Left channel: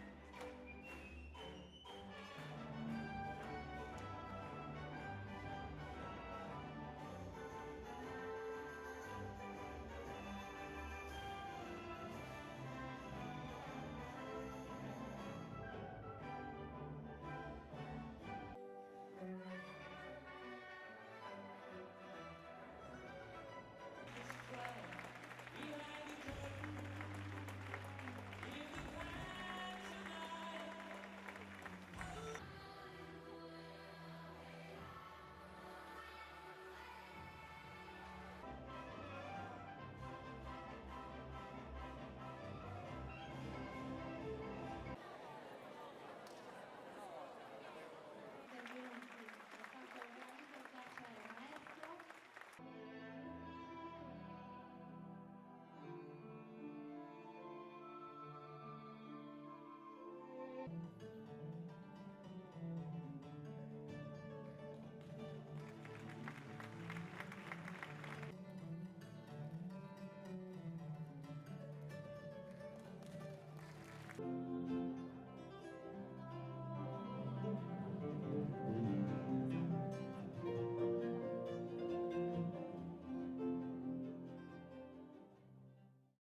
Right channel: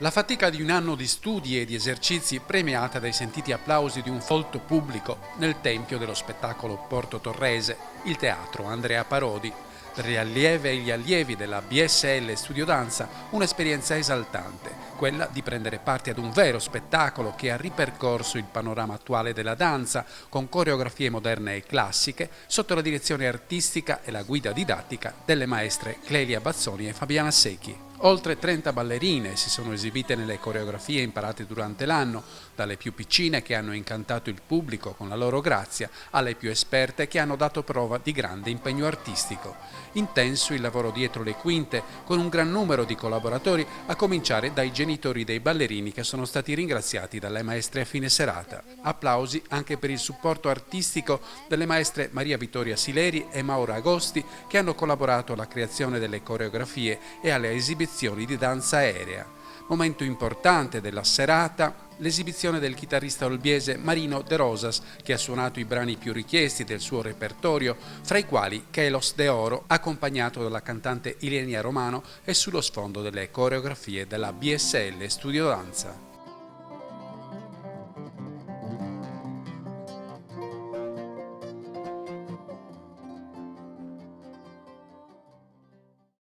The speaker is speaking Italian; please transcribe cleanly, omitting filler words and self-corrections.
La fatica di un anno di studi e di esercizi premiata dai sentiti applausi di un folto pubblico nel tempio dello spettacolo Porto Torrese, il teatro Andrea Parodi. Per le allieve e gli allievi della BSL Studio Danza un'esperienza esaltante, quella di prendere parte ad un vero spettacolo che ha ripercorso il panorama attuale della danza con coreografie moderne e classiche sotto la direzione artistica e la guida didattica delle maestre Clelia Bazzoni e Fabiana Secchi. Oltre 30 ballerine si sono esibite nelle coreografie imparate durante l'anno, dalle più piccine che hanno incantato il pubblico con la loro grazia, alle più esperte che hanno dato prova di grande impegno artistico. Intenso il lavoro dietro le quinte, con un gran numero di collaboratori, a cominciare dai genitori dei ballerini che sono stati ringraziati dalle maestre a fine serata. Applausi anche per il supporto artistico delle maestre Maria Vittoria Sileri e Maura Agosti, che hanno collaborato alla creazione delle coreografie e alle esibizioni di danza aerea. Momento importante della serata, l'esibizione del chitarrista olbiese Marino De Rosas, che ha suonato i brani più richiesti del suo repertorio, fra i quali Chelos de Oro, accompagnato dalla cantante Ilenia Romano e sullo sfondo delle coreografie della BSL Studio Danza.